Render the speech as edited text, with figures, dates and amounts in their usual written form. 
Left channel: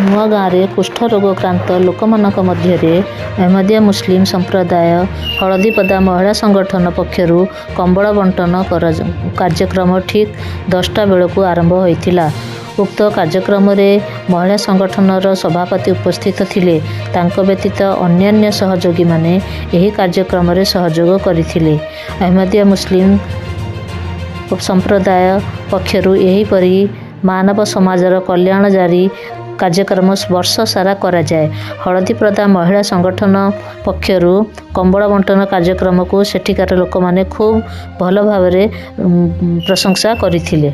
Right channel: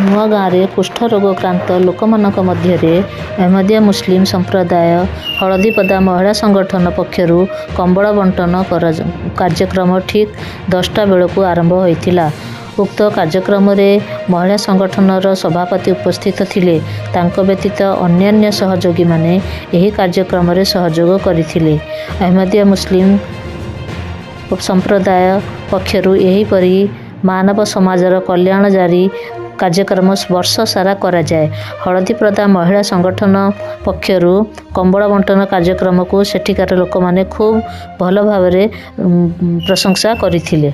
ନୂଆ ଗାଁରେ କୁଷ୍ଠରୋଗକ୍ରାନ୍ତ ଲୋକମାନଙ୍କ ମଧ୍ୟରେ ଅହମଦିଆ ମୁସଲିମ ସମ୍ପ୍ରଦାୟ ହଳଦୀପଦା ମହିଳା ସଂଗଠନ ପକ୍ଷରୁ କମ୍ବଳ ବଣ୍ଟନ କାର୍ଯ୍ୟକ୍ରମ ଠିକ୍ 10ଟା ବେଳକୁ ଆରମ୍ଭ ହୋଇଥିଲା। ଉକ୍ତ କାର୍ଯ୍ୟକ୍ରମରେ ମହିଳା ସଂଗଠନର ସଭାପତି ଉପସ୍ଥିତ ଥିଲେ। ତାଙ୍କ ବ୍ୟତୀତ ଅନ୍ୟାନ୍ୟ ସହଯୋଗୀମାନେ ଏହି କାର୍ଯ୍ୟକ୍ରମରେ ସହଯୋଗ କରିଥିଲେ। ଅହମଦିଆ ମୁସଲିମ ସମ୍ପ୍ରଦାୟ ପକ୍ଷରୁ ଏହିପରି ମାନବ ସମାଜର କଲ୍ୟାଣ ଜାରି କାର୍ଯ୍ୟକ୍ରମ ବର୍ଷ ସାରା କରାଯାଏ। ହଳଦୀପଦା ମହିଳା ସଂଗଠନ ପକ୍ଷରୁ କମ୍ବଳ ବଣ୍ଟନ କାର୍ଯ୍ୟକ୍ରମକୁ ସେଠିକାର ଲୋକମାନେ ଖୁବ୍ ଭଲ ଭାବରେ ପ୍ରଶଂସା କରିଥିଲେ।